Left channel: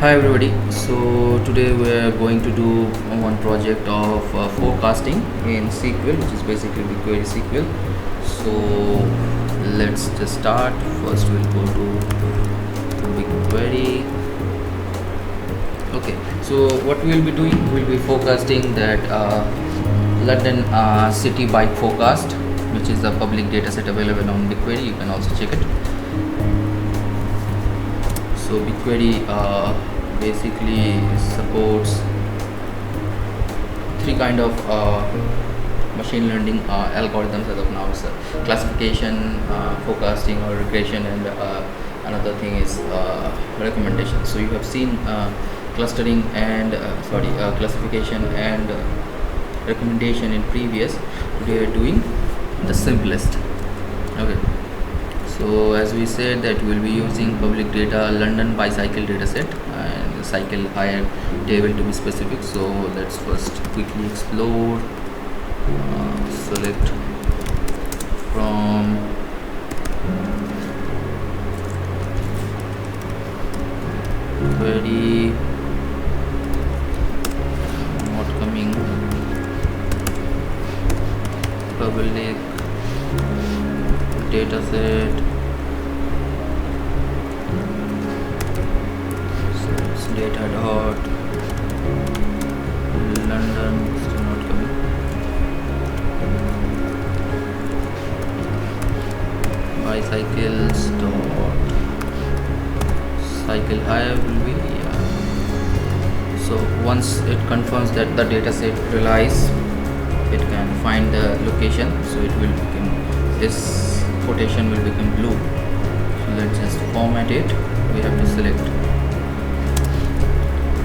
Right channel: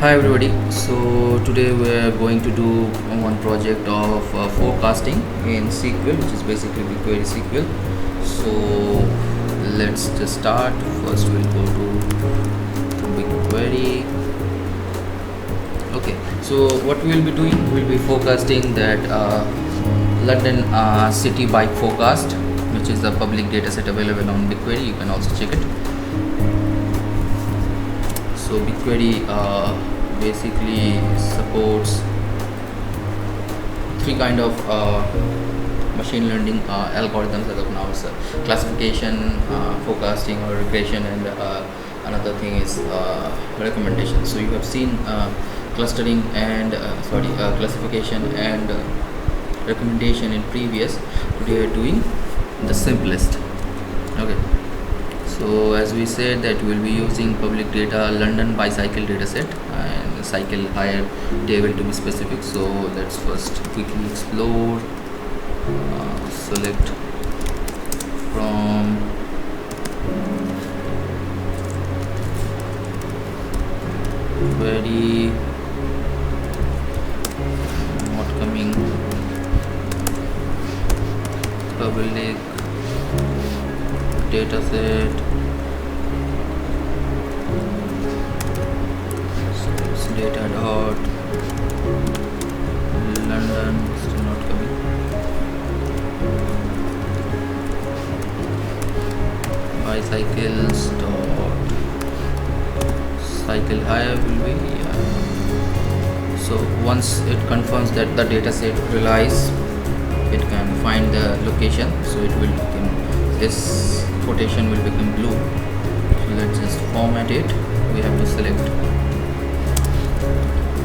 Hi everybody. So today we are going to do one project of forecasting in SQL, which is basically Bigquery SQL. So let's just start. First we'll go to Bigquery. Okay. So what we'll be doing, we'll be forecasting that London city bike forecast, which is the public data set available on Bigquery. You can also check it. So Bigquery basically supports three kind of machine learning algorithms as of now. It's classification, forecasting or regression, and another thing is recommendation. So you have seen clustering and classification and recommendation in previous. Today we are doing the simplest. Okay. So as we said that we will be using public data London bicycle dataset and cycle hire table to be specific. So let's first quickly explore, select from query, not coming, public dataset. So it's data dot London, still not coming. Bicycles dot cycle hire will be so once it confirms that the data set relies, it can find the location, so it will become, this quotation will become blue. So let's just format it. We have to select,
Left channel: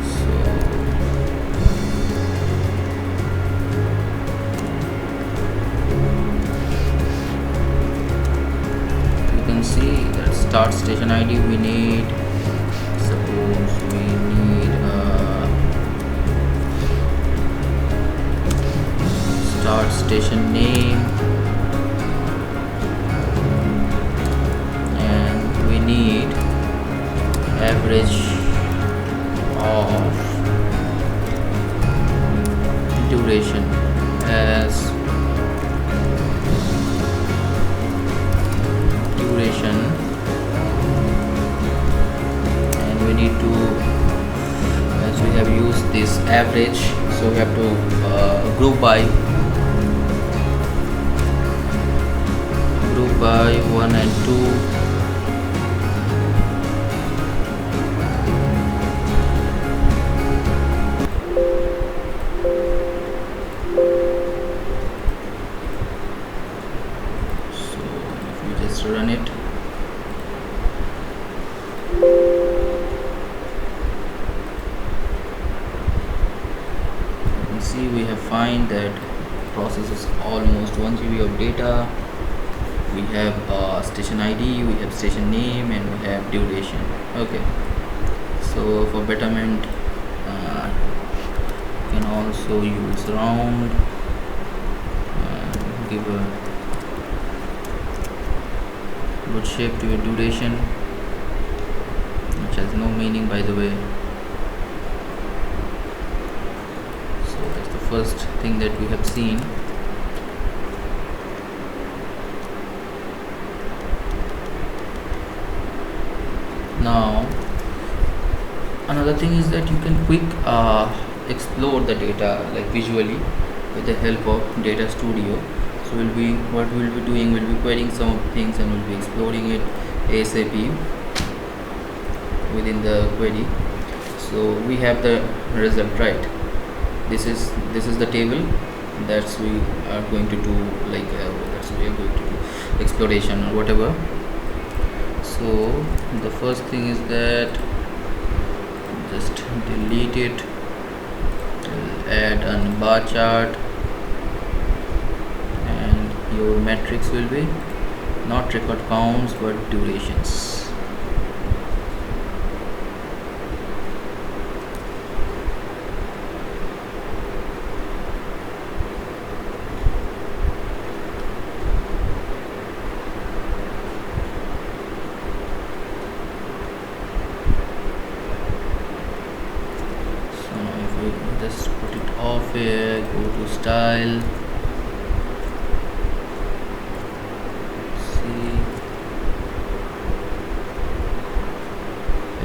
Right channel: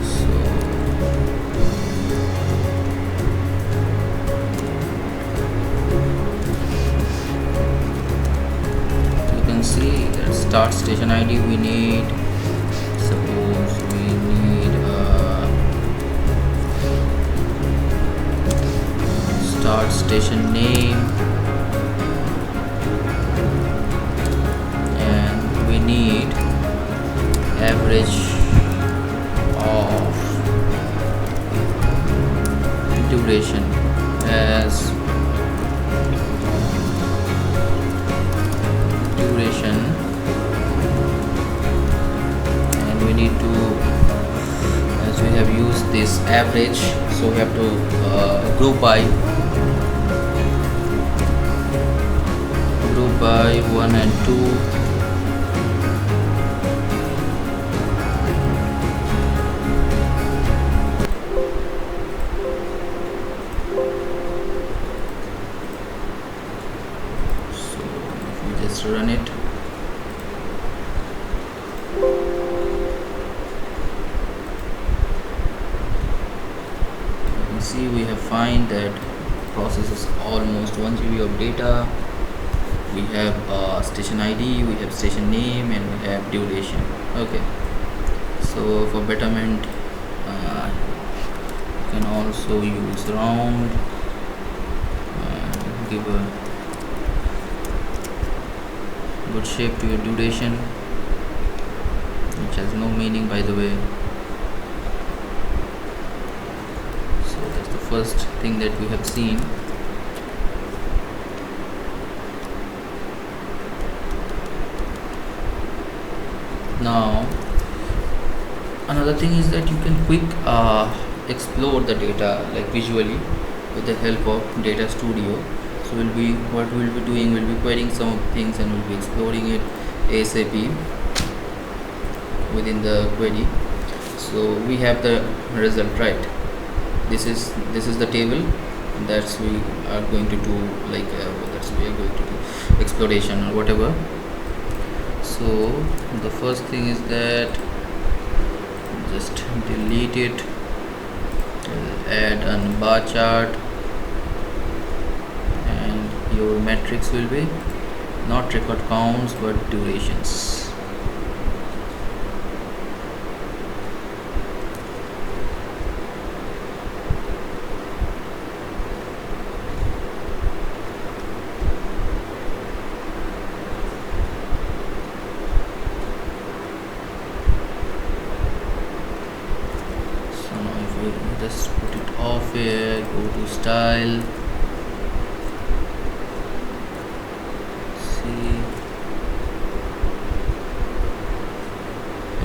so you can see that start station ID we need, suppose we need start station name, and we need average of duration as duration, and we need to, as we have used this average, so we have to group by 1 and 2. So if we just run it, you can see we have find that processes almost 1 GB of data. We have station ID, we have station name, and we have duration. Okay, so for betterment you can also use round and give a good shape to your duration, which has no meaning by the way. So that's the first thing that we have seen. Now another thing is that you can quick explore the data like visually with the help of data studio. So what we'll be doing, we'll be querying some of the things and we'll be exploring it ASAP within the query. So we have the result, right? This is the table, and that's we are going to do like that's we are going to do exploration or whatever. So the first thing is that just delete it, add a bar chart, and your metrics will be not record counts but durations. we'll just put it off here, go to style, see,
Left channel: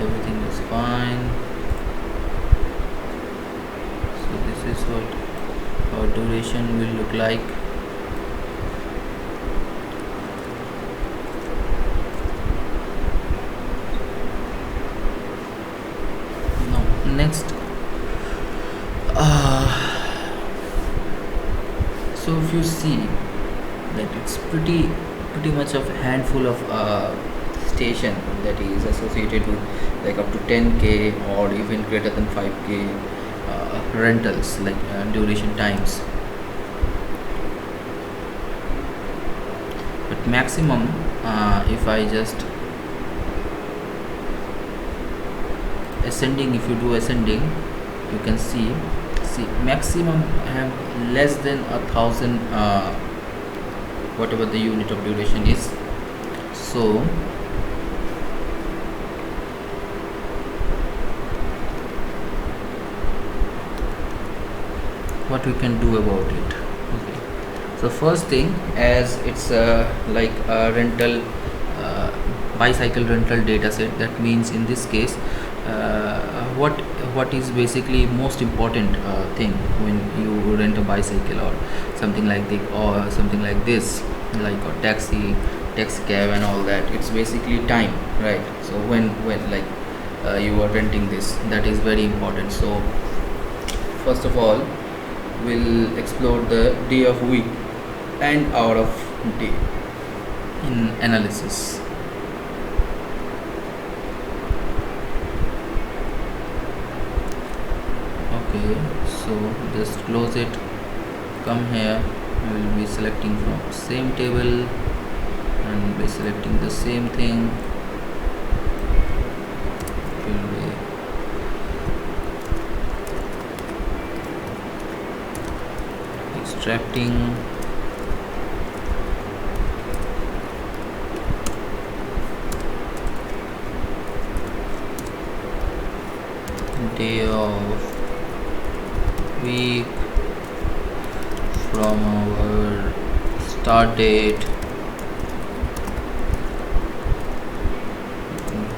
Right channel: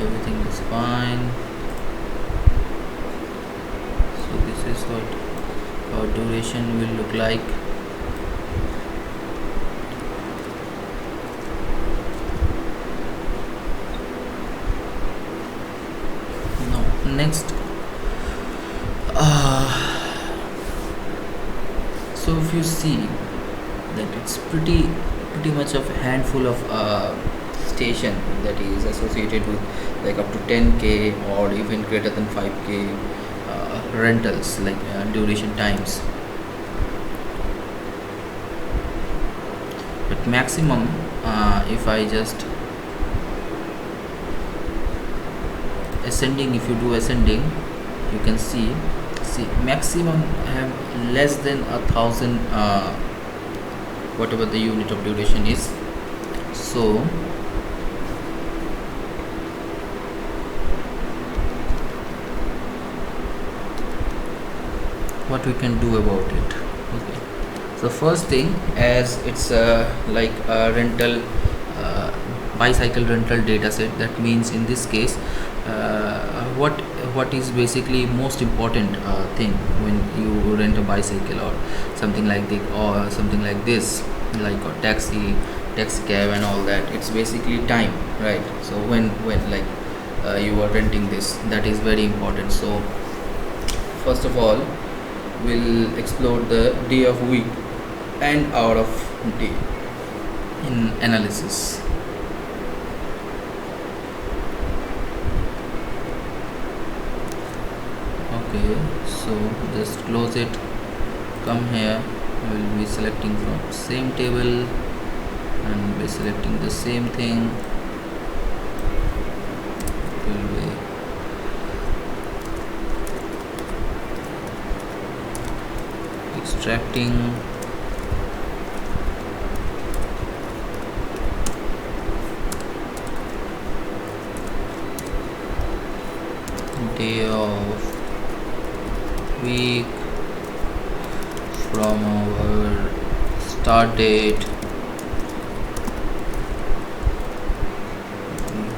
everything is fine. So this is what our duration will look like. Now next, so if you see that it's pretty much of a handful of station that is associated with like up to 10k or even greater than 5k rentals, like duration times. But maximum, if I just ascending, if you do ascending, you can see maximum have less than 1,000 whatever the unit of duration is. So what we can do about it? Okay, so first thing, as it's like a rental bicycle rental data set, that means in this case what is basically most important thing when you rent a bicycle or something like this, like a taxi cab and all that, it's basically time, right? So when like you are renting this, that is very important. So first of all, we'll explore the day of week and hour of day in analysis. Okay, so just close it, come here, I will be selecting from same table and be selecting the same thing. Will be extracting day of week from our start date,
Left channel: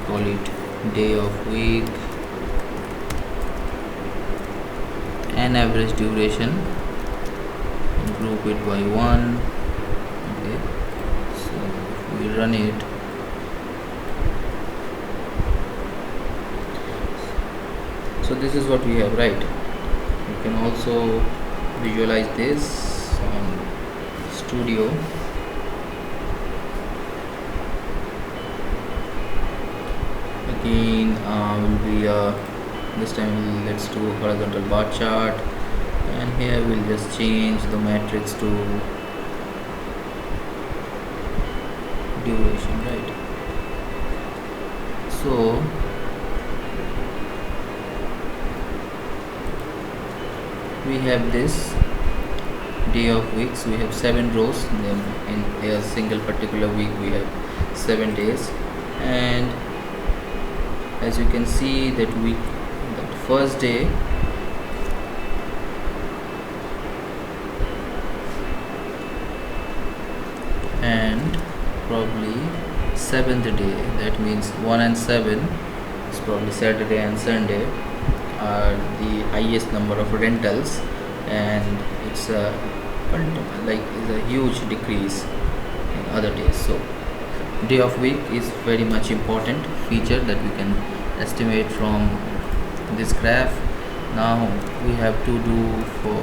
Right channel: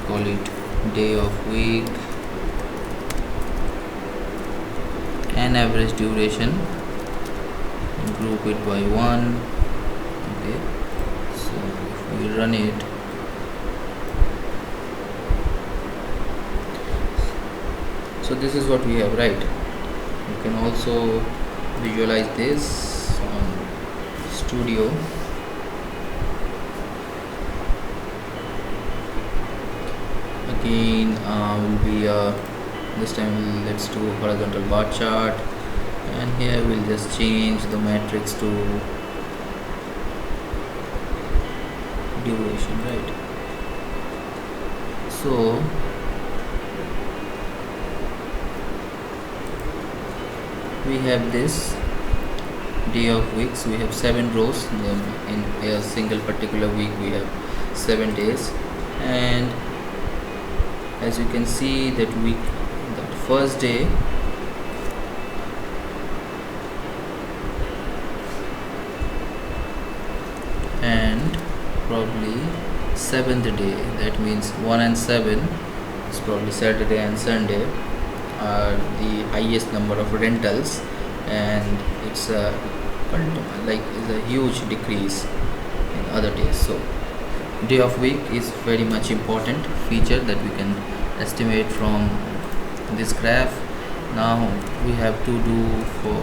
call it day of week, and average duration, group it by 1. Okay, so if we run it, so this is what we have, right? You can also visualize this on Studio. Again, will be this time let's do horizontal bar chart, and here we'll just change the matrix to duration, right? So we have this day of weeks, we have 7 rows, then in a single particular week we have 7 days, and as you can see that first day and probably 7th day, that means 1 and 7 is probably Saturday and Sunday, are the highest number of rentals, and it's a huge decrease in other days. So day of week is very much important feature that we can estimate from this graph. Now we have to do for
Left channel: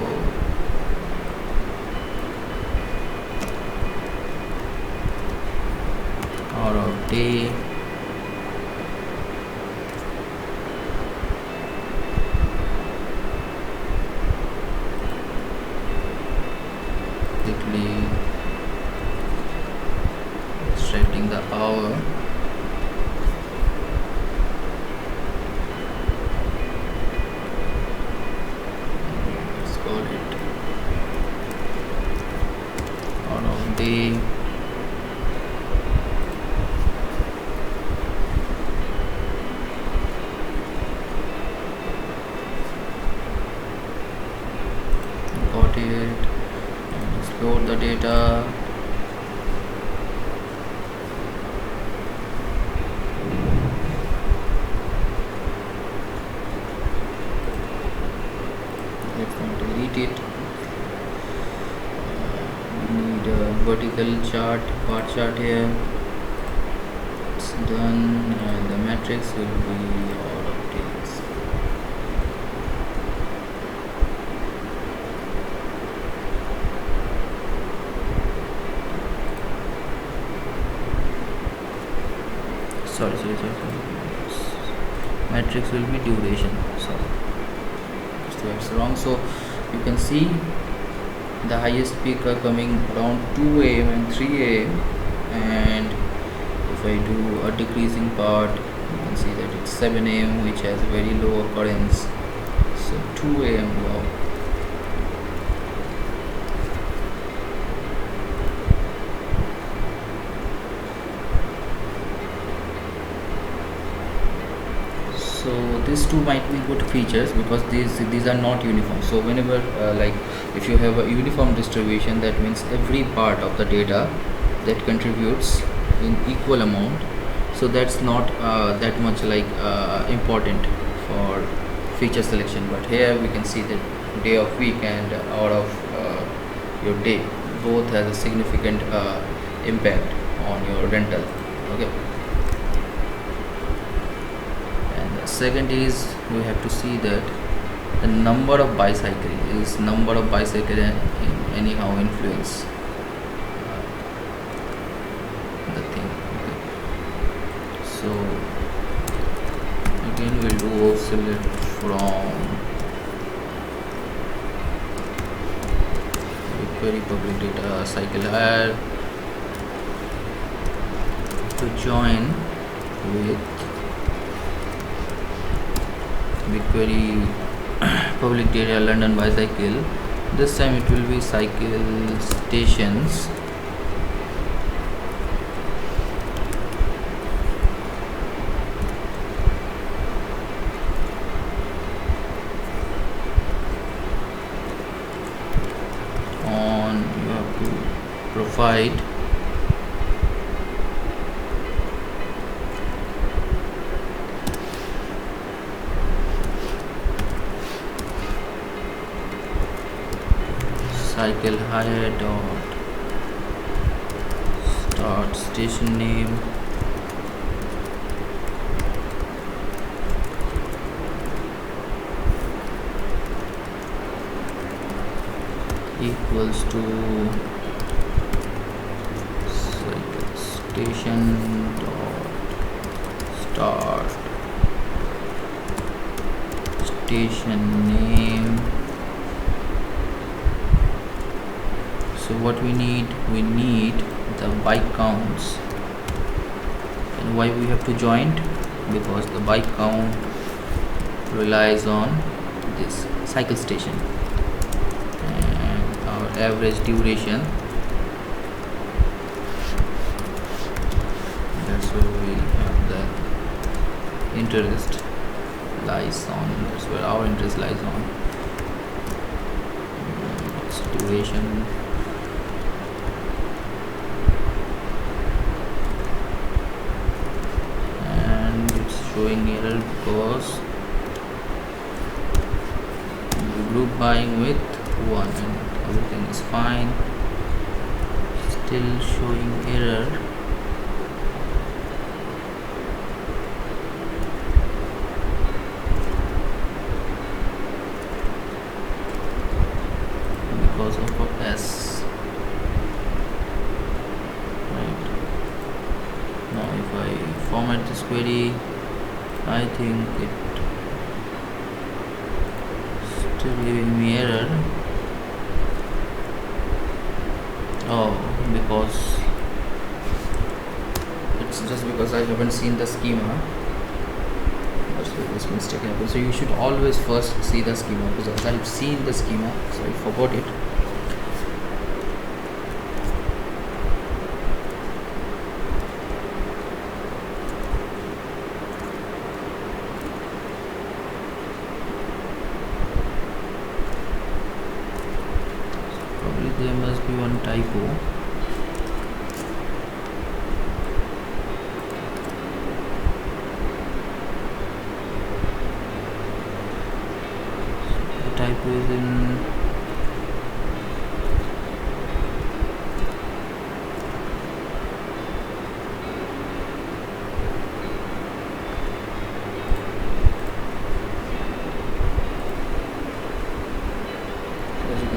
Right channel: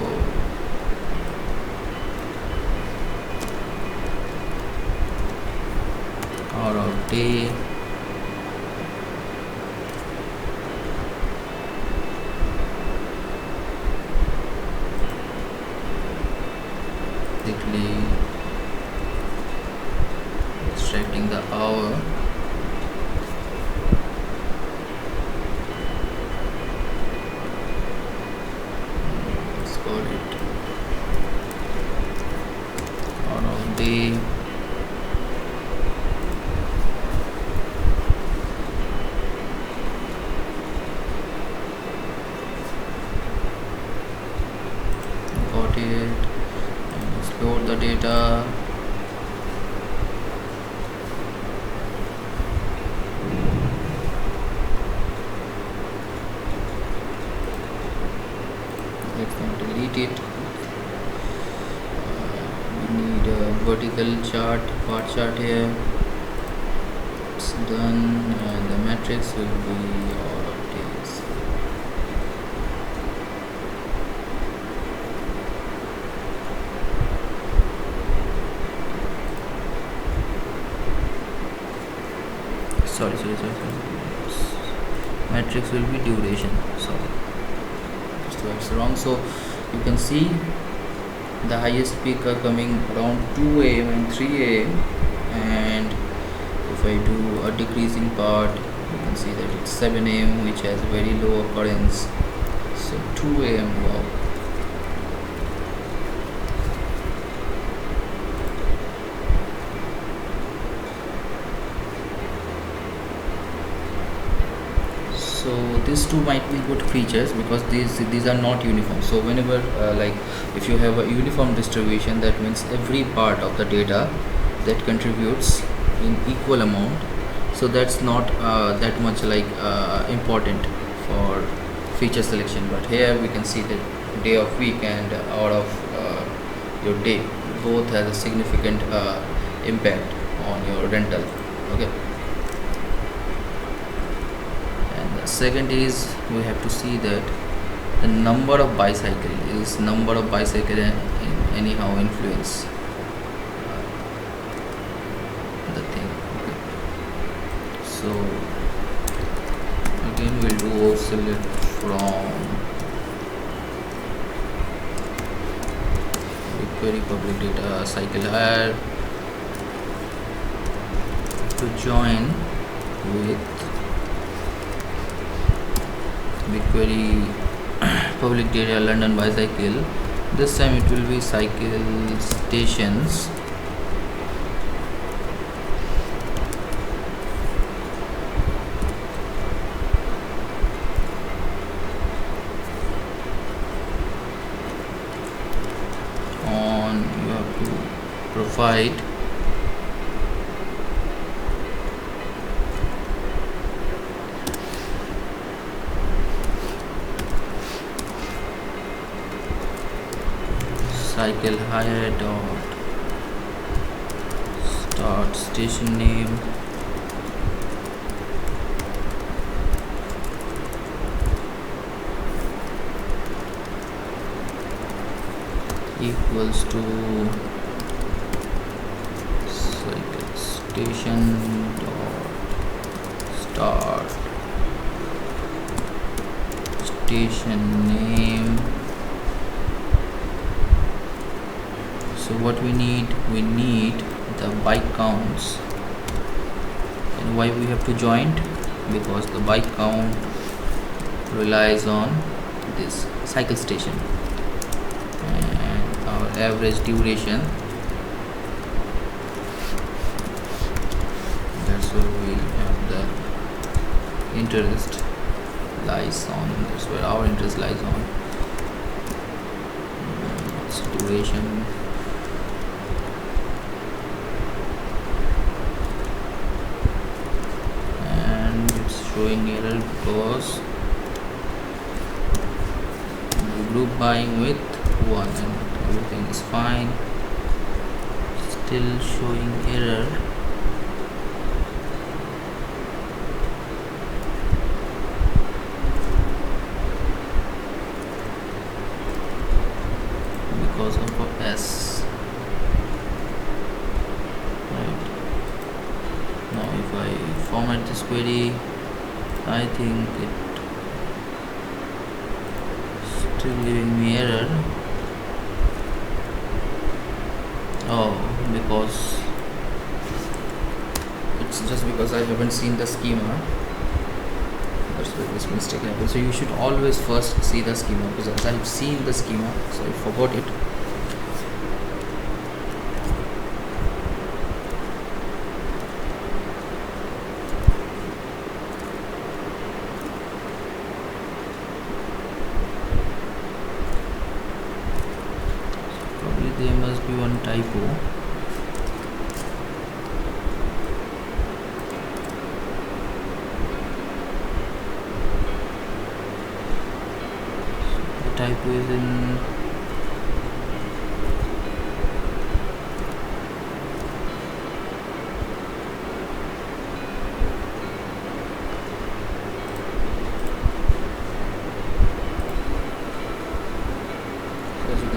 hour of day, basically extracting the hour, let's call it hour of day, about it and explore the data. Let's not delete it. We need a vertical chart, bar chart here. It's done, and the matrix will be all updates. Sorry. Matrix will be duration. Sorry, that's wrong. So you can see the highest peak are coming around 2 a.m. and 3 a.m. and if I do a decreasing part, you can see that it's 7 a.m. which has very low occurrence. So 2 a.m. wow. So these two might be good features because these are not uniform. So whenever like if you have a uniform distribution, that means every part of the data that contributes in equal amount, so that's not that much like important for feature selection. But here we can see that day of week and hour of your day both has a significant impact on your rental. Okay. Second is we have to see that the number of bicycle anyhow influence the thing. Okay. So again we'll do select from Bigquery public data cycle hire to join with Bigquery public data London bicycle. This time it will be cycle stations. You have to provide cycle hire dot start station name equals to cycle station dot start station name. So what we need the bike counts. And why we have to joint? Because the bike count relies on this cycle station and our average duration. That's where we have the interest lies on. That's where our interest lies on. It's duration. Showing error because the group buying with 1 and everything is fine. Still showing error. Because of a S. Right. Now if I format this query, I think it still giving me error. Oh, because it's just because I haven't seen the schema. That's where this mistake happens. So you should always first see the schema, because I've seen the schema, so I forgot it. there must be one typo. So the typo is in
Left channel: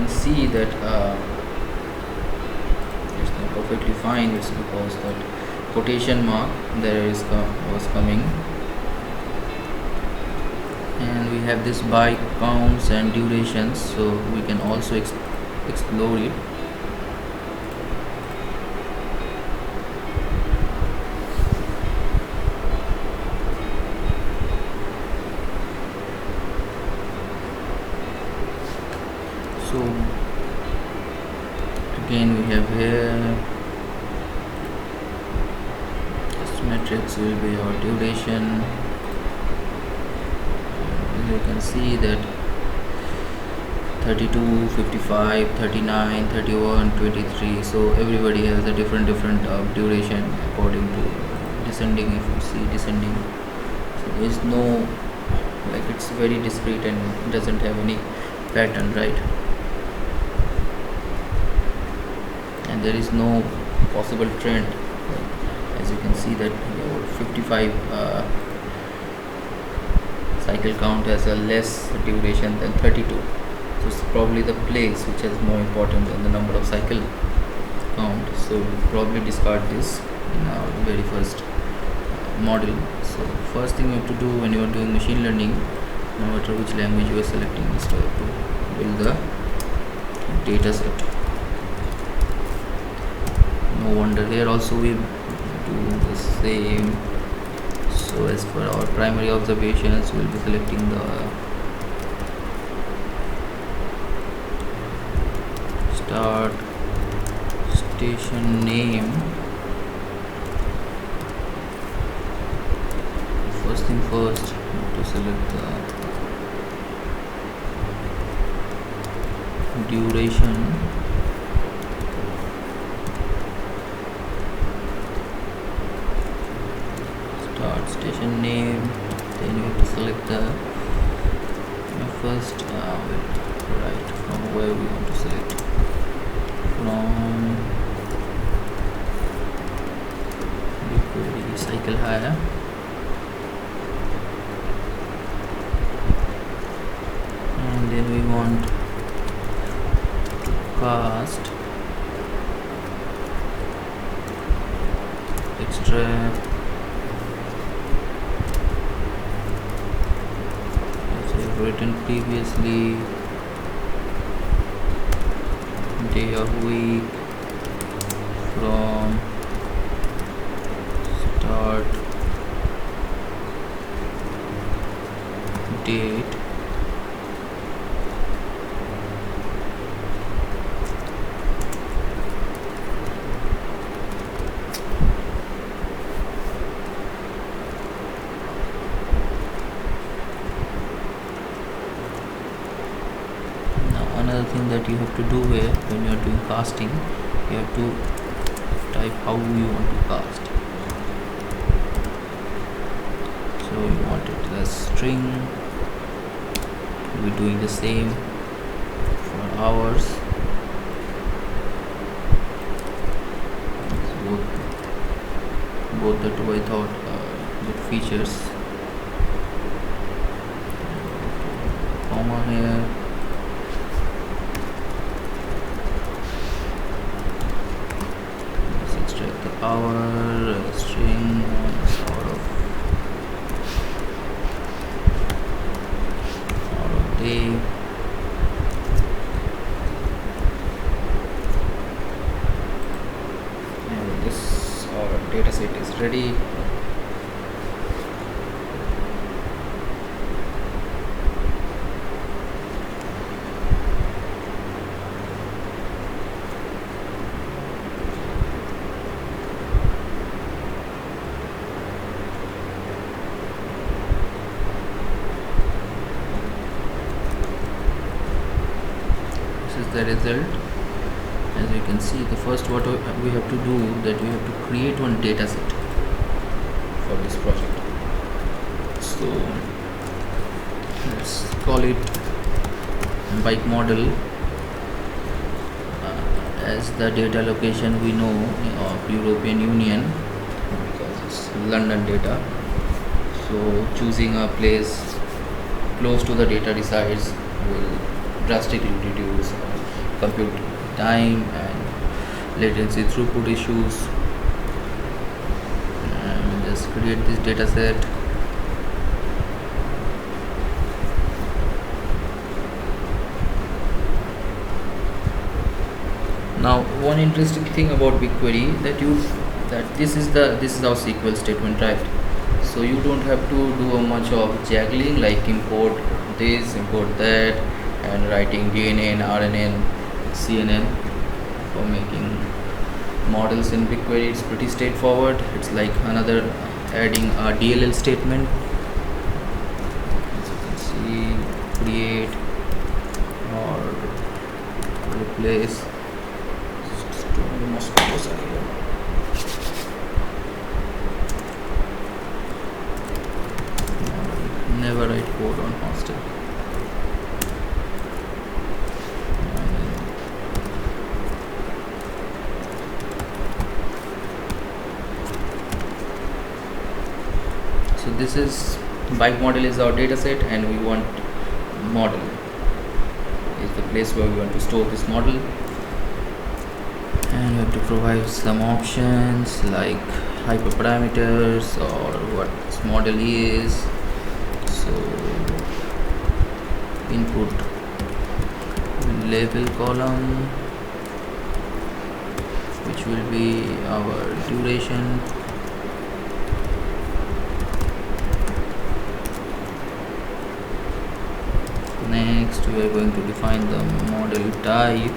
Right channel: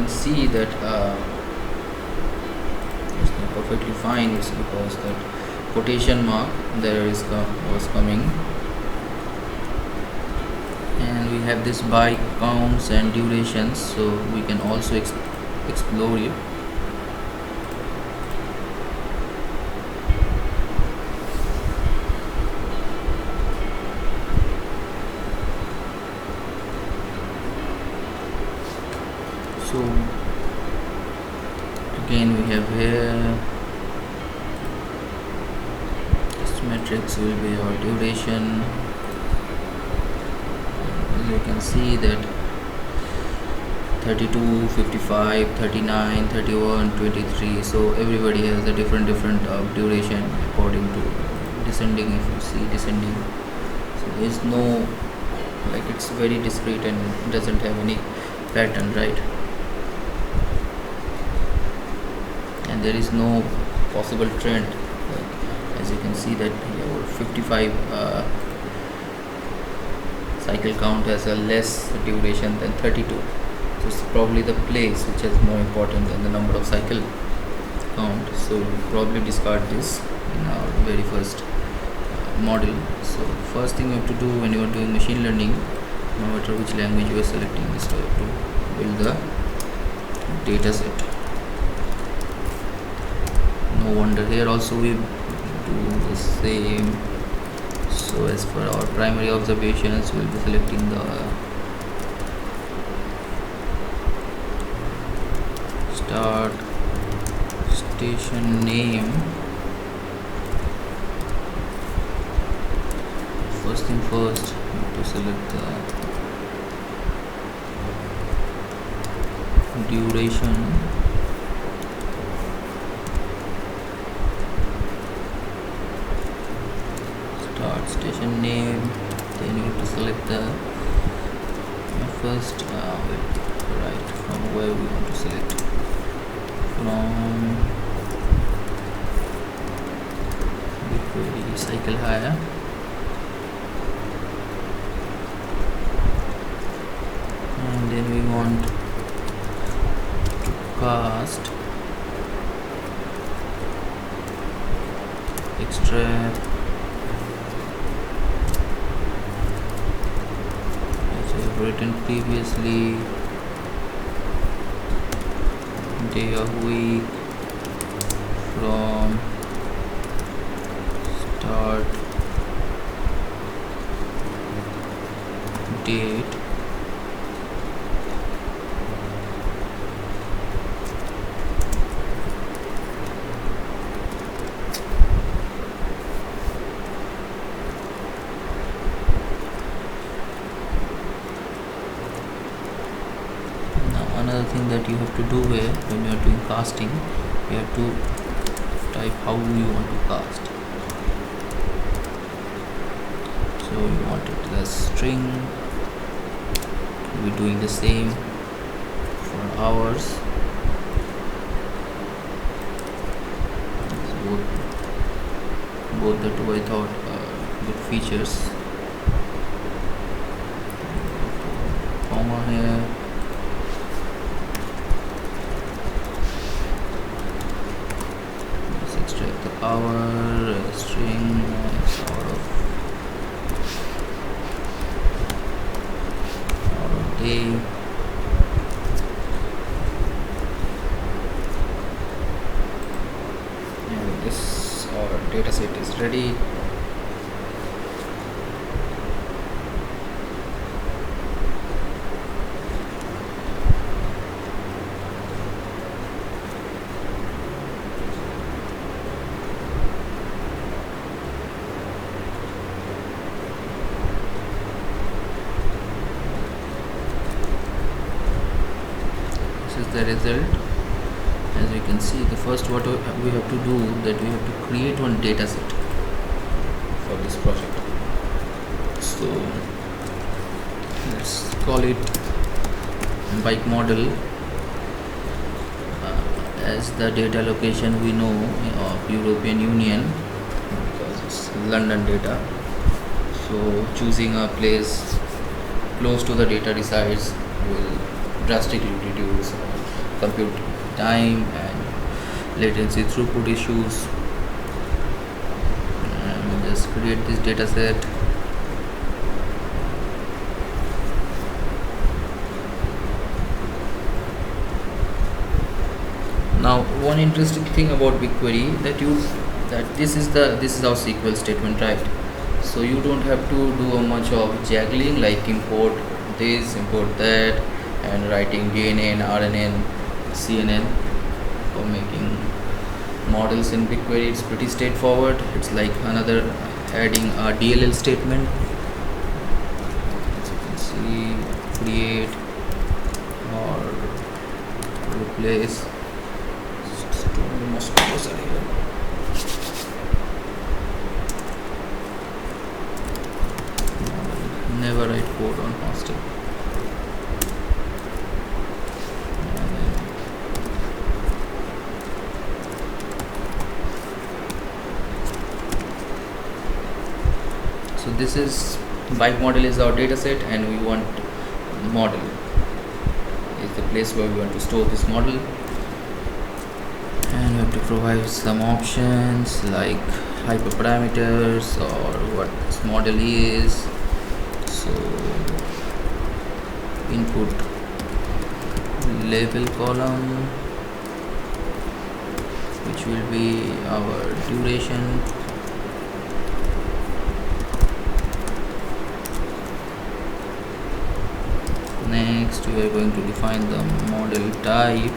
see that it's not perfectly fine. It's because that quotation mark there is was coming, and we have this by counts and durations, so we can also explore it. So again we have here this matrix will be our duration, and you can see that 32, 55, 39, 31, 23, so everybody has a different duration according to descending. If you see descending, so there is no, like, it's very discrete and doesn't have any pattern, right? And there is no possible trend. As you can see that our 55 cycle count has a less duration than 32, so it's probably the place which is more important than the number of cycle count. So we'll probably discard this in our very first model. So first thing you have to do when you are doing machine learning, no matter which language you are selecting, is to have to build the data set. No wonder here also we do the same. So as for our primary observations, we will be selecting the start station name. First thing first, we have to select the duration. Start station name, then you have to select the first right from where we want to select, from Bigquery cycle hire, and then we want to cast extract written previously, day of week, from start date, another thing that you have to do here when you are doing casting, you have to type how you want to cast. So you want it as string. We'll be doing the same for hours. So both the two I thought good features. Comma here. Extract the hour string out of day. And this data set is ready. Is the result. As you can see, the first what we have to do, that we have to create one data set for this project. So let's call it bike model, as the data location we know of European Union, because it's London data. So choosing a place close to the data resides will drastically reduce compute time and latency throughput issues. And we'll just create this data set. Now one interesting thing about Bigquery, that this is our SQL statement, right? So you don't have to do much of juggling, like import this, import that, and writing DNN, RNN, CNN for making models in Bigquery. It's pretty straightforward. It's like another adding a DLL statement. As you can see, create or replace. Mosquitoes are here. Never write code on hostel. So this is bike model is our data set, and we want model is the place where we want to store this model. And we have to provide some options like hyperparameters or what this model is. So input level column, which will be our duration. Next we are going to define the model type.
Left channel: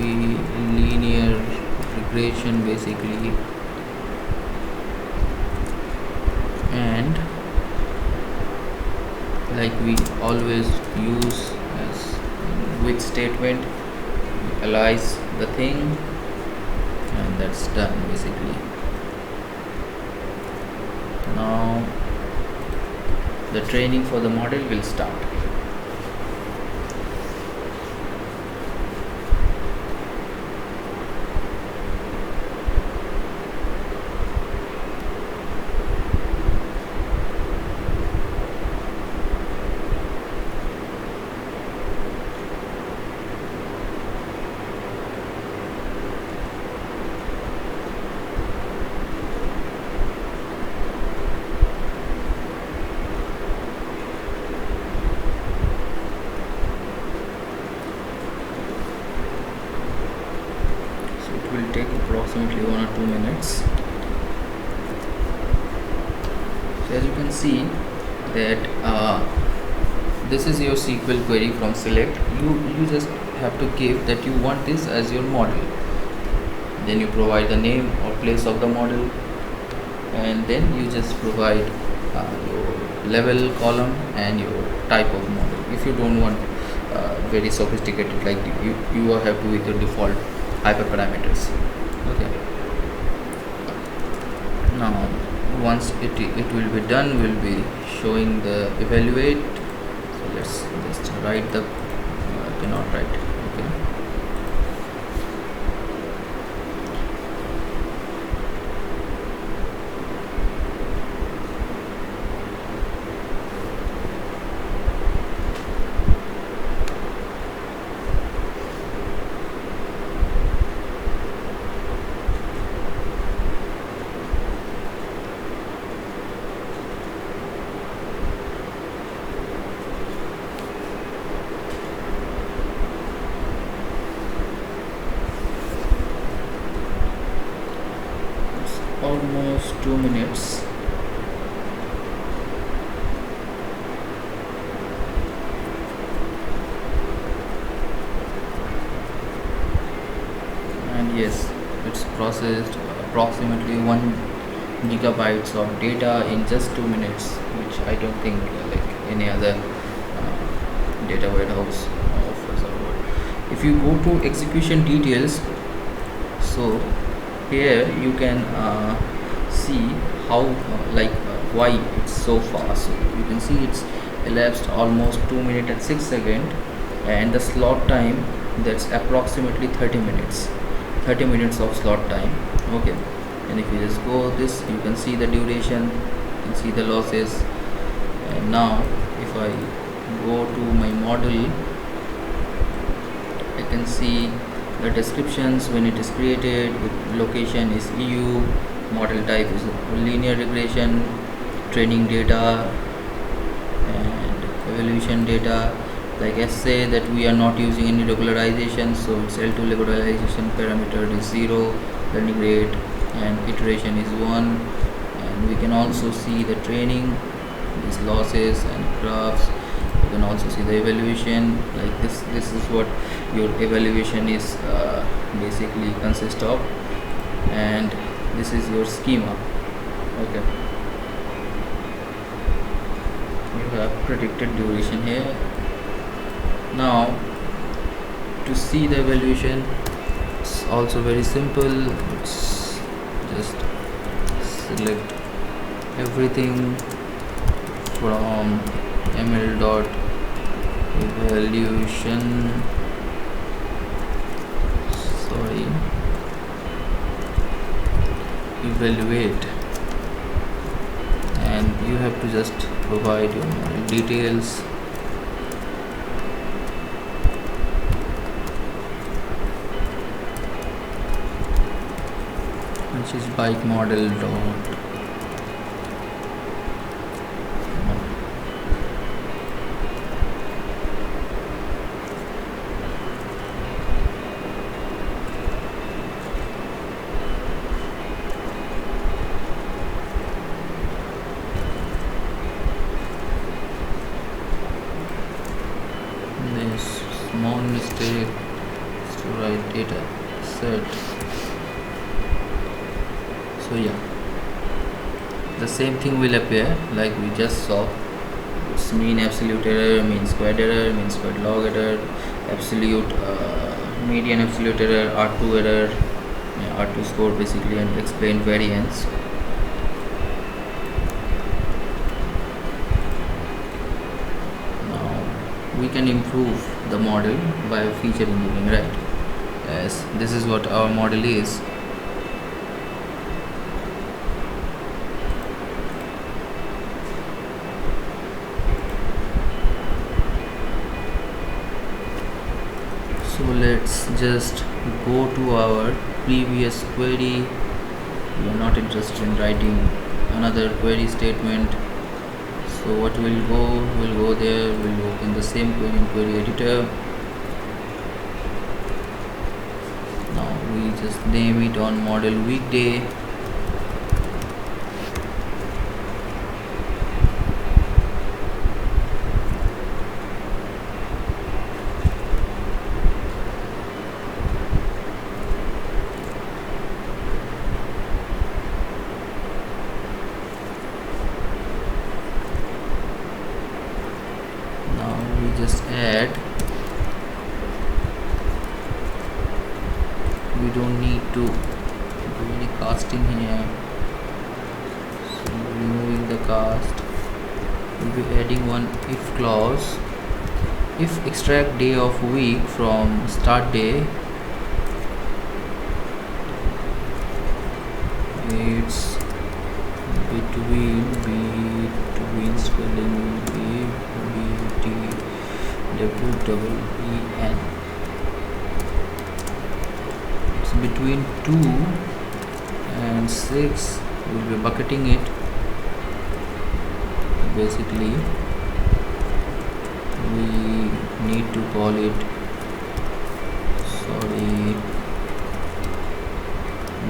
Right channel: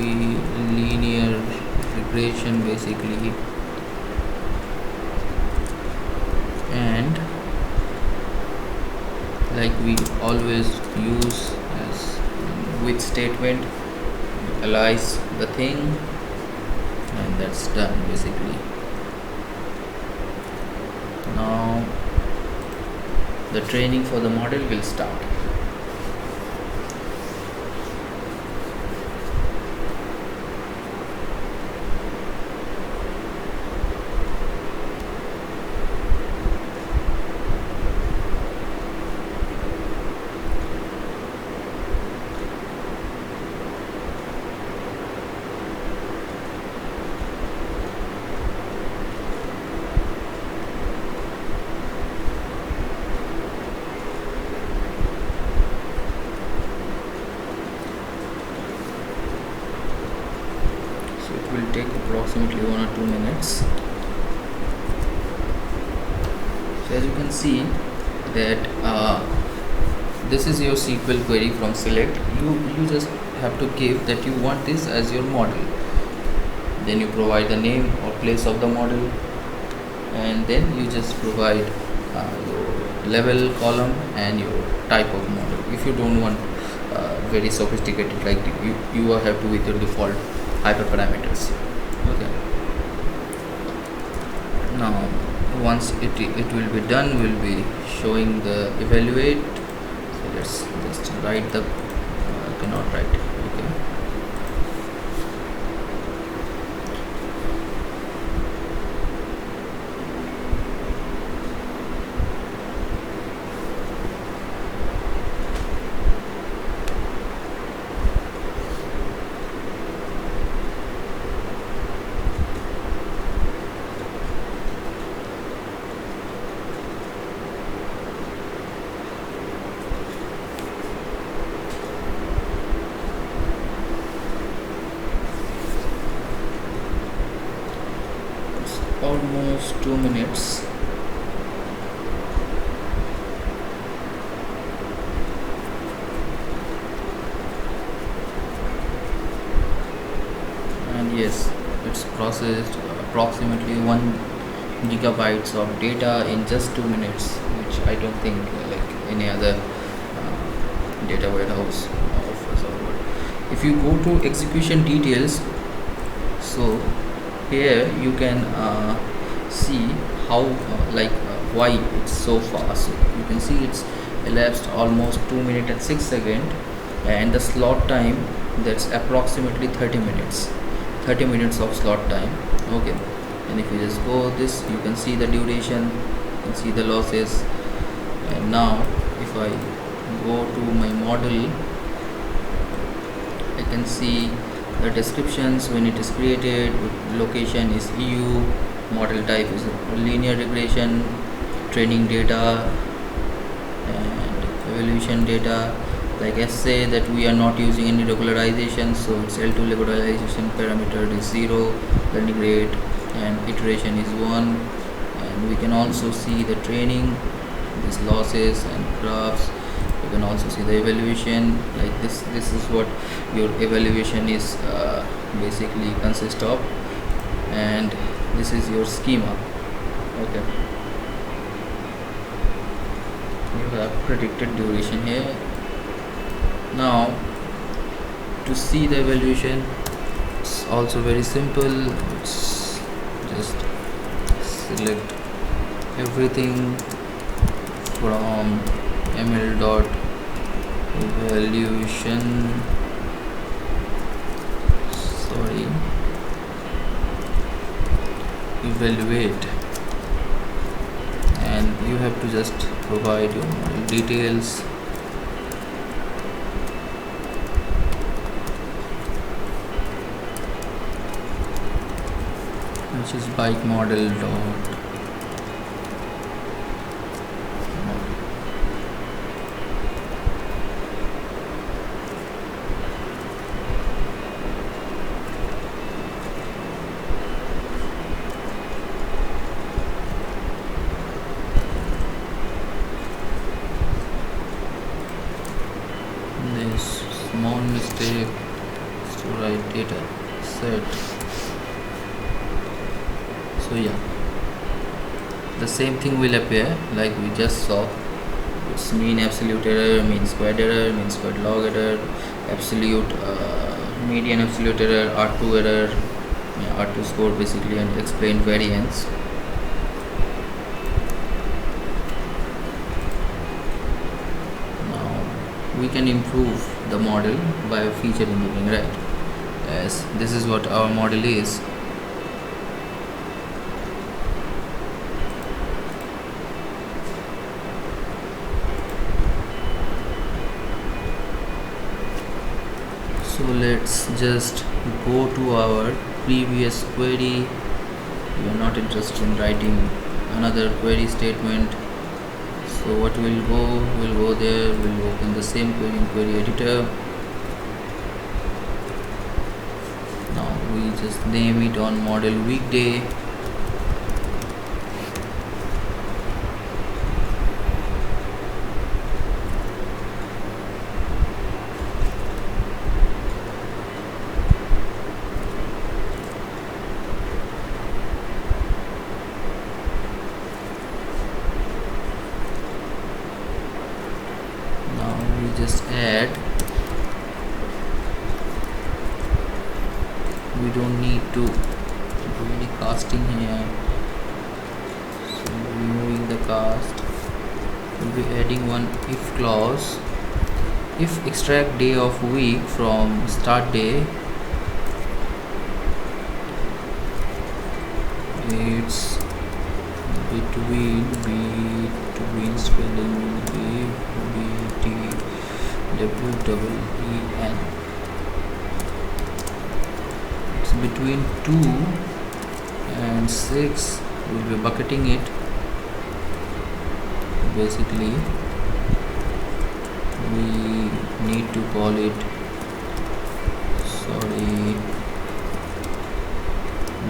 Linear regression basically, and like we always use as with statement, analyze the thing, and that's done basically. Now the training for the model will start. It will take approximately 1 or 2 minutes. So as you can see that this is your SQL query from select. You just have to give that you want this as your model, then you provide the name or place of the model, and then you just provide your level column and your type of model. If you don't want very sophisticated, like you are happy with your default hyperparameters. Okay, now once it will be done, we'll be showing the evaluate. So let's just write the cannot write. Okay, almost 2 minutes. And yes, it's processed approximately 1 gigabytes of data in just 2 minutes, which I don't think any other data warehouse of a server. If you go to execution details, so here you can see how why it's so fast. So you can see it's elapsed almost 2 minutes and 6 seconds, and the slot time, that's approximately 30 minutes of slot time. Okay, and if you just go this, you can see the duration, you can see the losses. And now if I go to my model, I can see the descriptions when it is created. Location is EU, model type is linear regression, training data and evaluation data. Like I say that we are not using any regularization, so it's L2 regularization parameter is 0, learning rate and iteration is 1. And we can also see the training, these losses and graphs. You can also see the evaluation. Like this is what your evaluation is basically consist of, and this is your schema. Okay, you have predicted duration here. Now to see the evaluation, it's also very simple. It's just select everything from ml dot evaluation, evaluate, and you have to just provide your model details. Which is bike model dot model. This small mistake is to write data set. So yeah, the same thing will appear like we just saw. It's mean absolute error, mean squared error, mean squared log error, absolute median absolute error, R2 error, R2 score basically, and explained variance. Now we can improve the model by feature engineering, right? Yes, this is what our model is. So let's just go to our previous query. We are not interested in writing another query statement. So what we'll go there, we'll open the same query in query editor. Now we just name it on model weekday. Just add, we don't need to do any casting here, so removing the cast. We'll be adding one if clause. If extract day of week from start day, it's between spelling will be BTWEEN. It's between 2 and 6. We'll be bucketing it. Basically we need to call it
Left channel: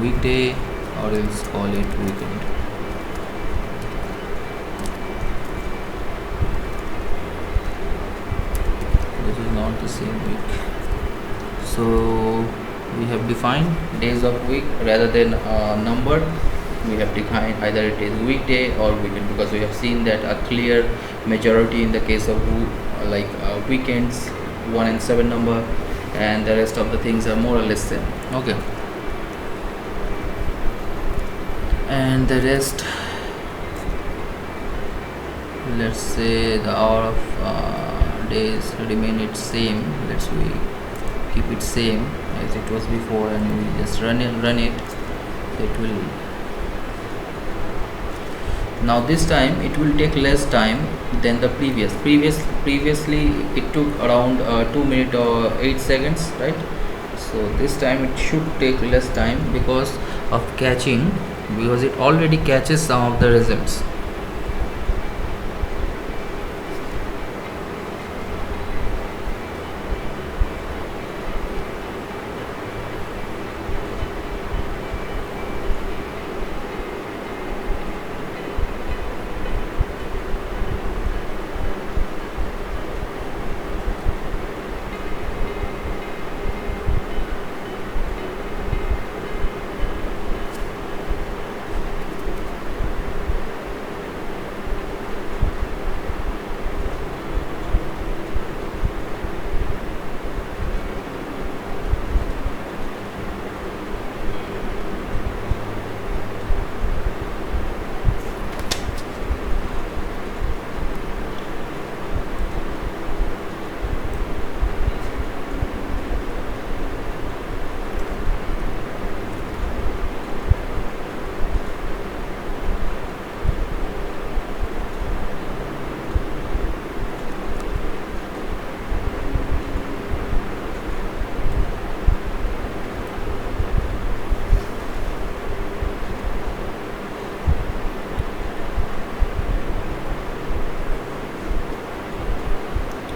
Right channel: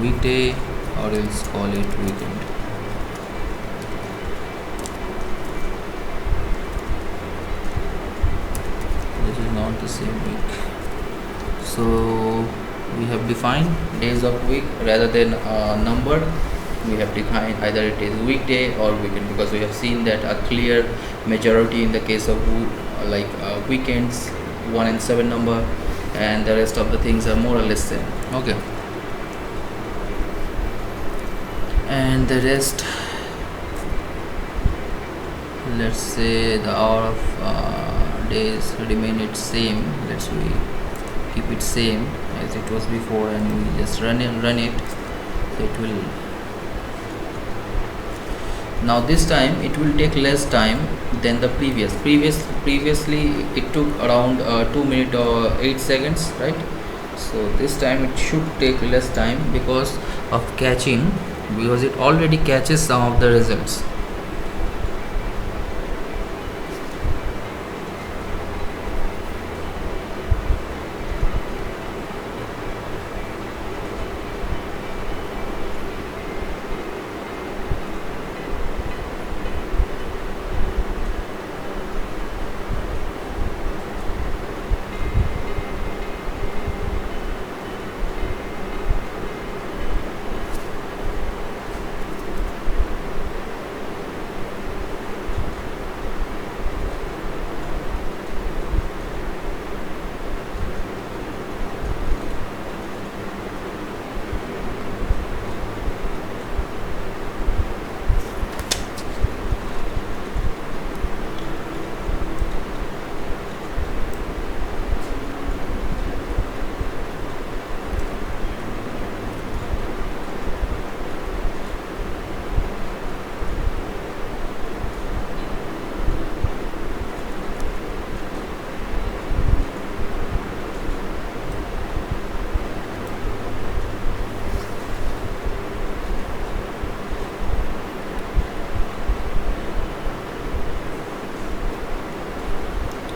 weekday, or else call it weekend. This is not the same week. So we have defined days of week rather than a number. we have defined either it is weekday or weekend, because we have seen that a clear majority in the case of weekends 1 and 7 number, and the rest of the things are more or less same. Okay, and the rest, let's say the hour of days remain it same. Let's we keep it same as it was before, and we just run it. So it will, now this time it will take less time than the previously it took around 2 minutes or 8 seconds, right? So this time it should take less time because of catching, because it already catches some of the results.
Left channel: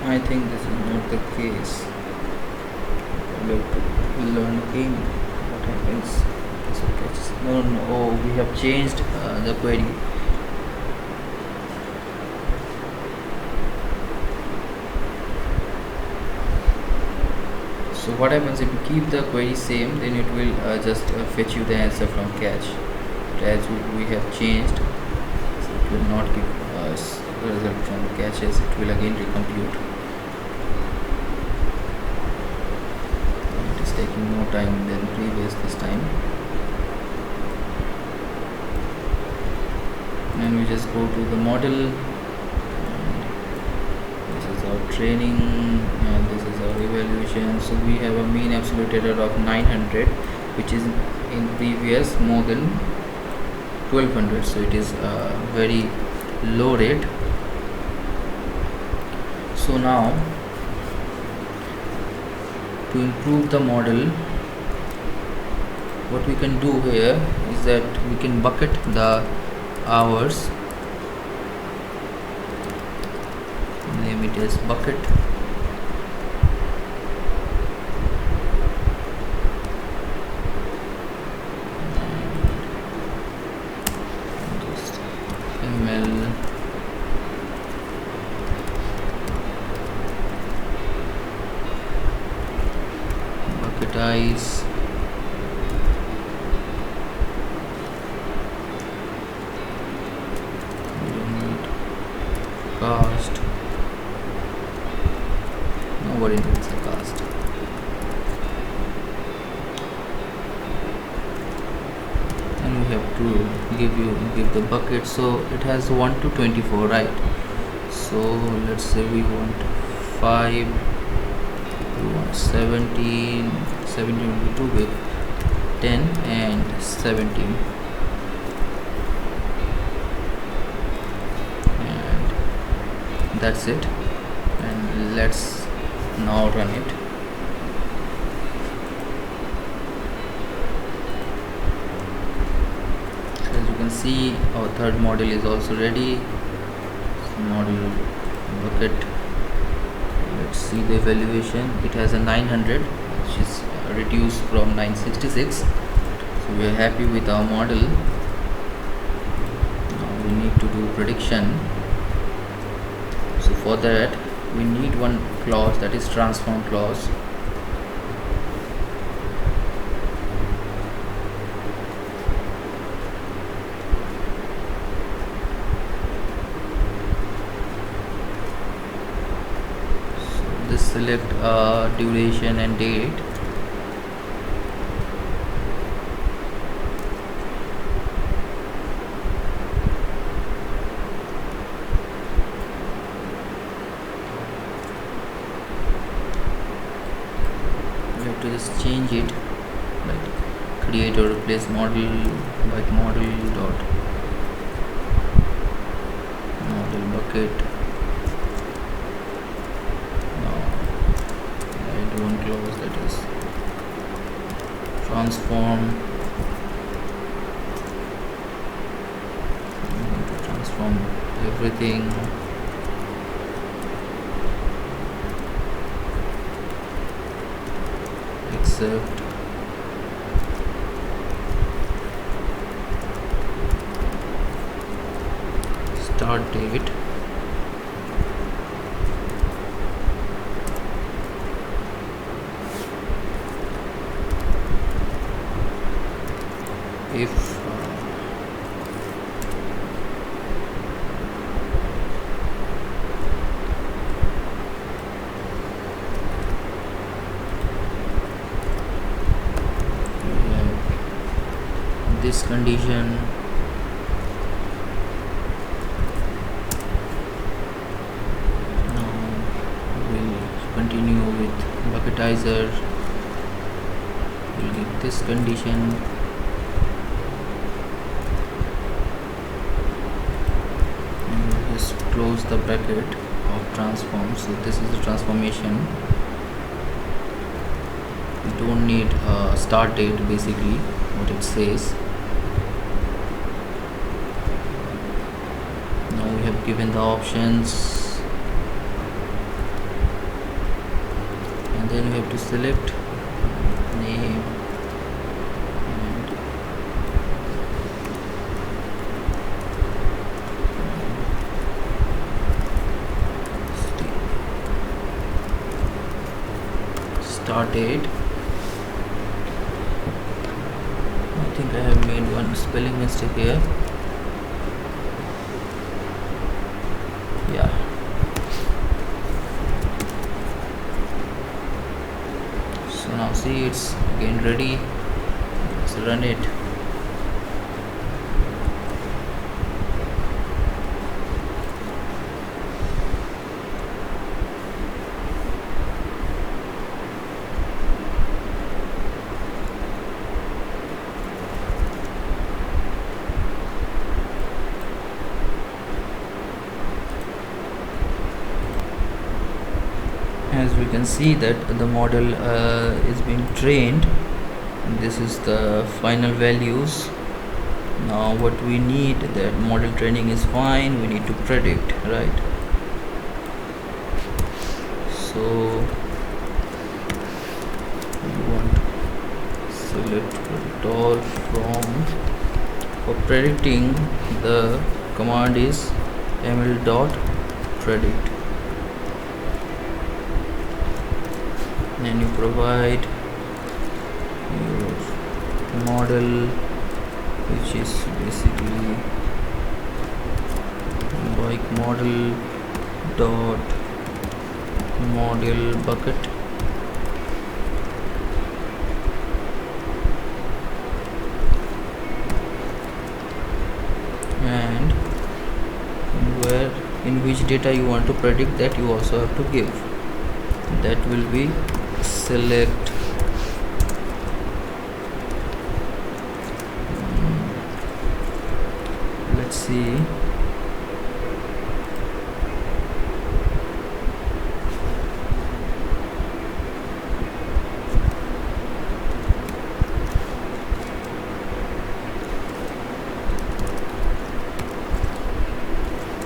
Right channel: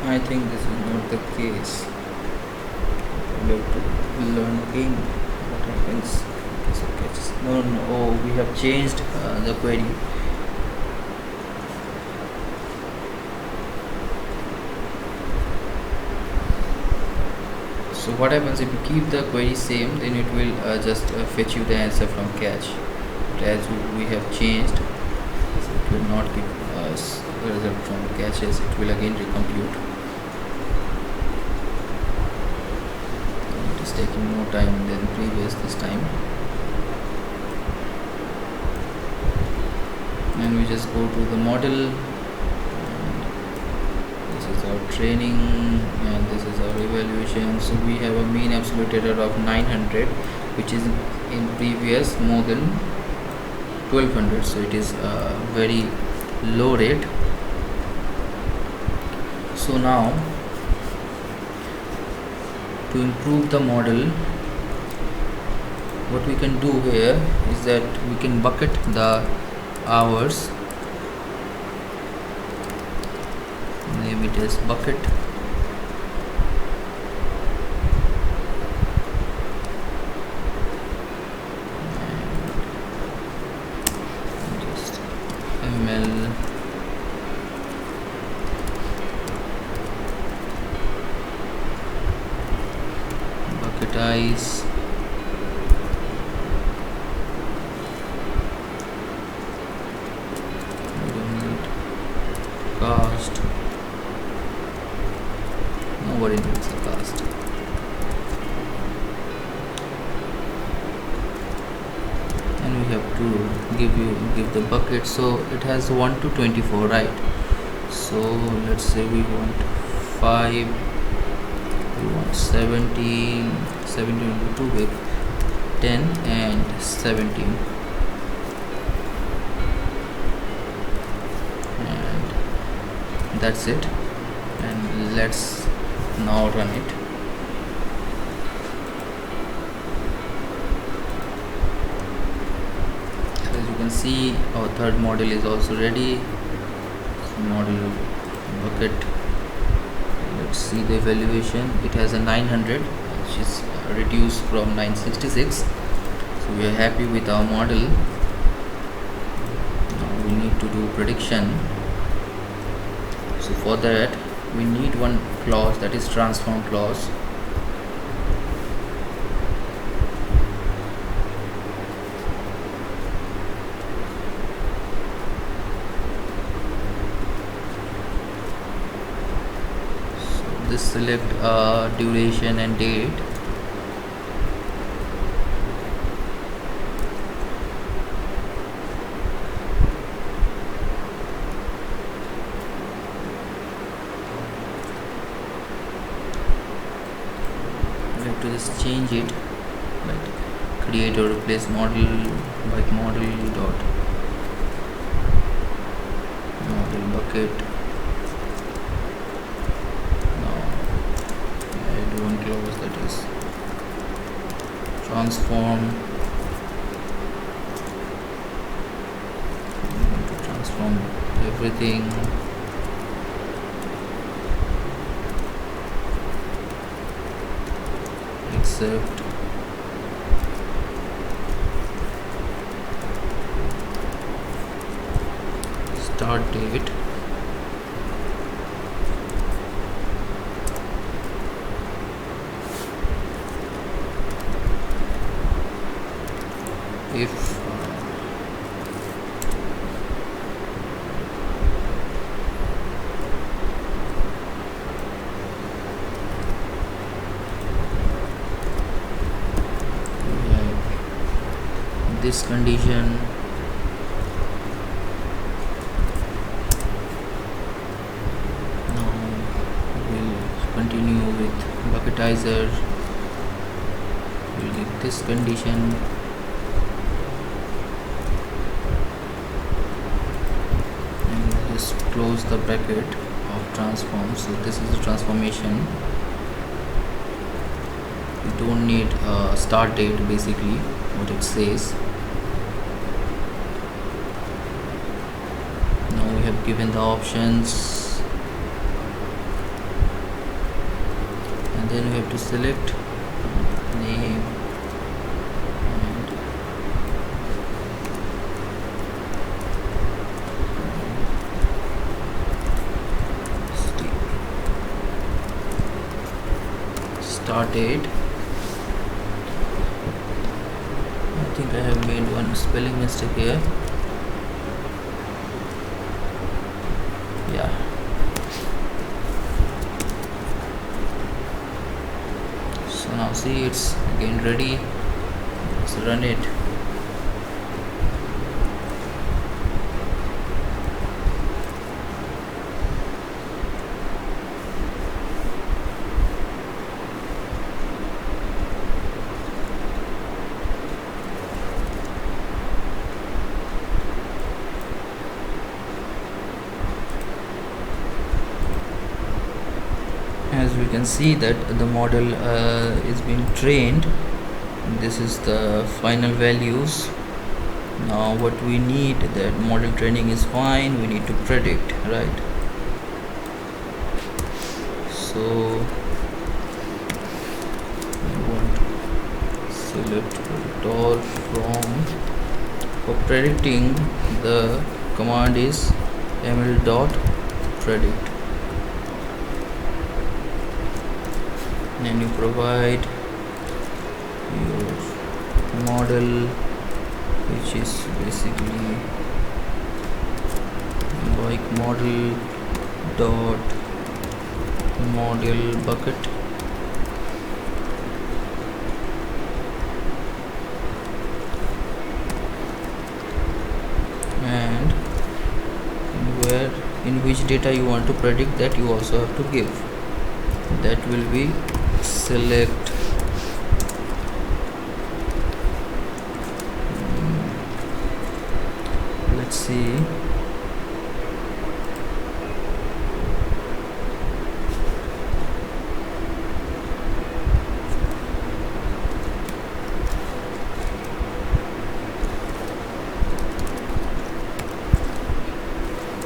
I think this is not the case. I have to learn again what happens. No, oh, we have changed the query. So what happens if you keep the query same, then it will just fetch you the answer from cache. But as we have changed, so it will not give us the result from caches, it will again recompute. It is taking more time than previous this time. And we just go to the model, and this is our training, and this is our evaluation. So we have a mean absolute error of 900, which is in previous more than 1200, so it is a very low rate. So now to improve the model, what we can do here is that we can bucket the hours, name it as bucket, and just ml bucketize cast. Nobody needs a cast. And we have to give the bucket, so it has 1 to 24, right? So let's say we want 5, we want 17 will be too big, 10 and 17. That's it, and let's now run it. So as you can see, our third model is also ready. So model bucket, let's see the evaluation. It has a 900, which is reduced from 966. So we are happy with our model. Now we need to do prediction. So for that we need one clause, that is transform clause. this select duration and date. We have to just change it, like create or replace model by model dot model bucket. Now I do one clause, that is transform. I'm going to transform everything. Except start date. If this condition, now we'll continue with bucketizer. We'll give this condition, and we'll just close the bracket of transform. So this is the transformation. We don't need a start date, basically what it says. Now we have given the options, and then we have to select name and start date. I think I have made one spelling mistake here. Yeah. So now see, it's again ready. Let's run it. As we can see that the model is being trained. This is the final values. Now what we need, that model training is fine, we need to predict, right? So we want select predict all from. For predicting, the command is ml.predict. And you provide your model, which is basically like model dot model bucket, and in which data you want to predict, that you also have to give. That will be select let's see,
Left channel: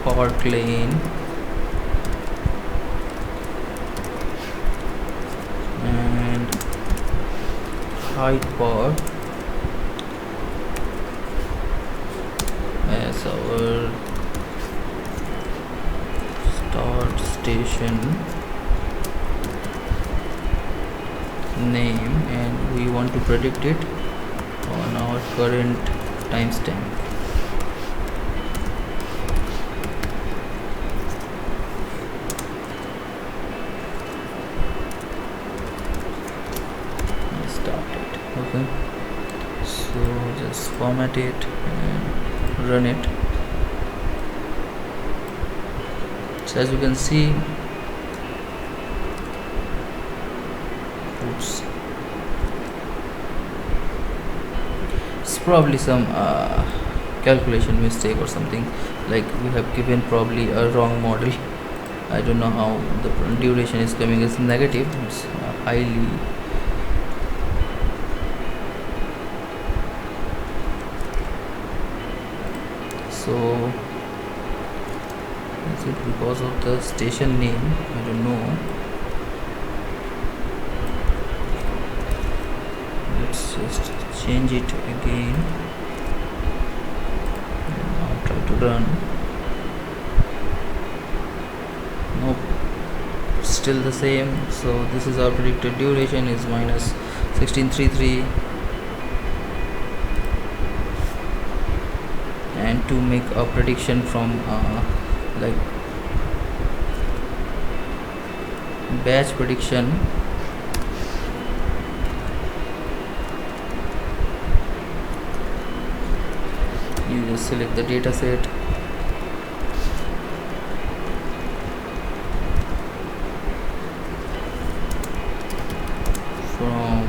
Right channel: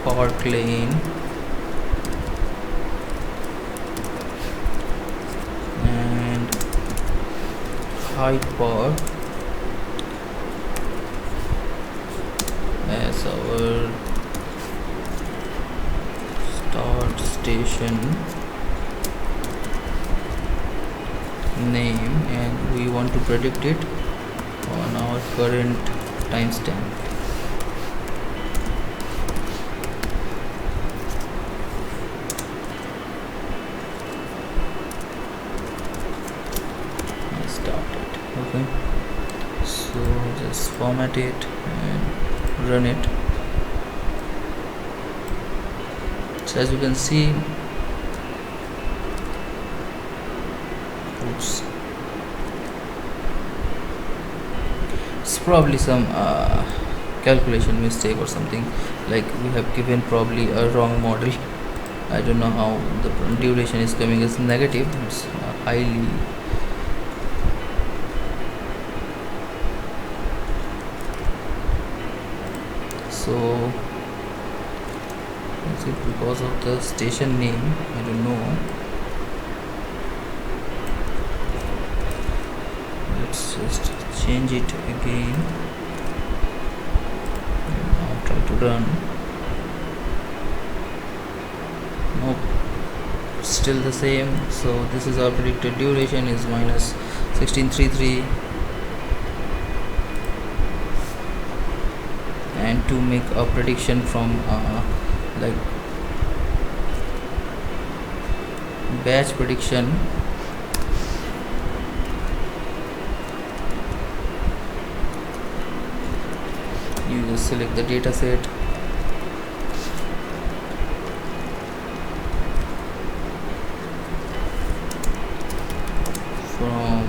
part lane and height part as our start station name, and we want to predict it on our current timestamp. okay. So just format it and run it. So as you can see, oops, it's probably some calculation mistake or something, like we have given probably a wrong model. I don't know how the duration is coming as negative. It's highly so. Is it because of the station name? I don't know. Let's just change it again and now try to run. Nope, still the same. So this is our predicted duration is minus 1633. And to make a prediction from like batch prediction, you just select the data set, from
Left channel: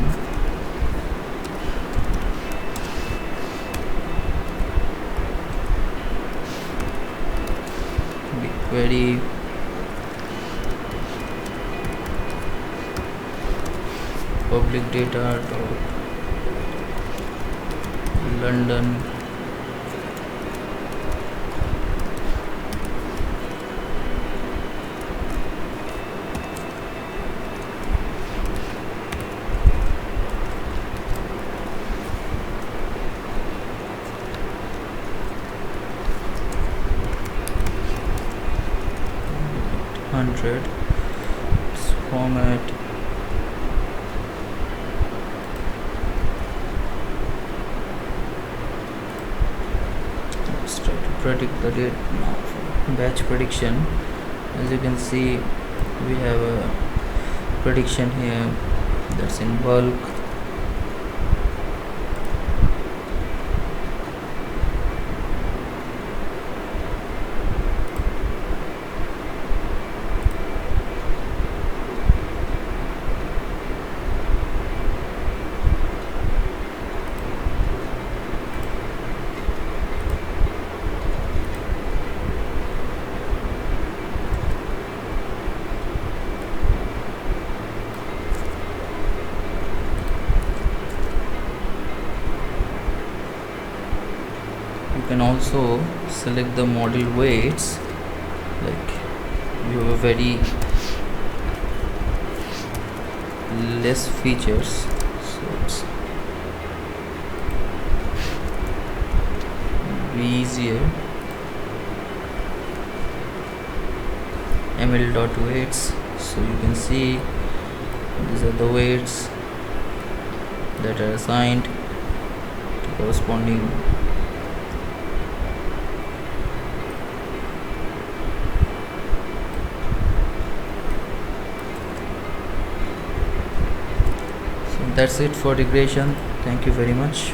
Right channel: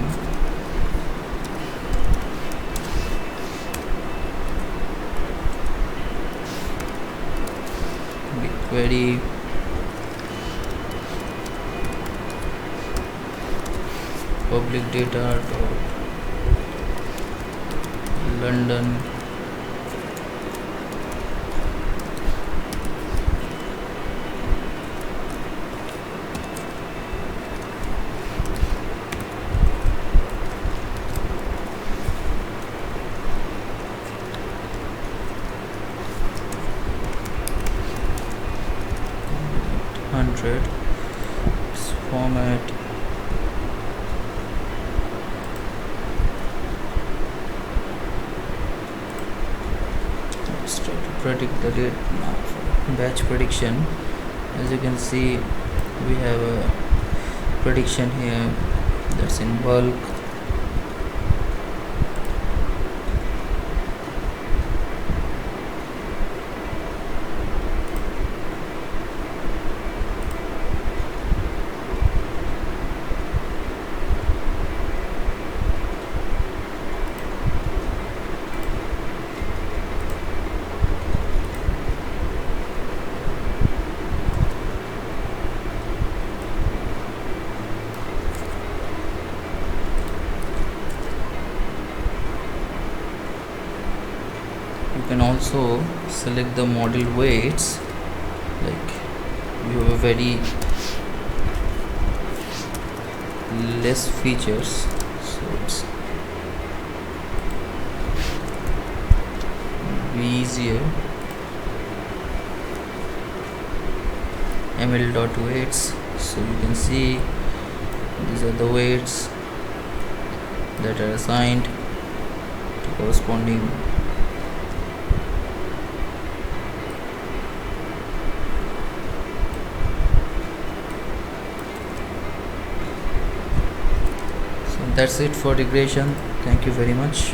Bigquery, public data London, hundred. Let's format let's try to predict the date now for batch prediction. As you can see, we have a prediction here that's in bulk. You can also select the model weights, like you have a very less features, so it's be easier. ml.weights, so you can see these are the weights that are assigned to corresponding That's it for regression. Thank you very much.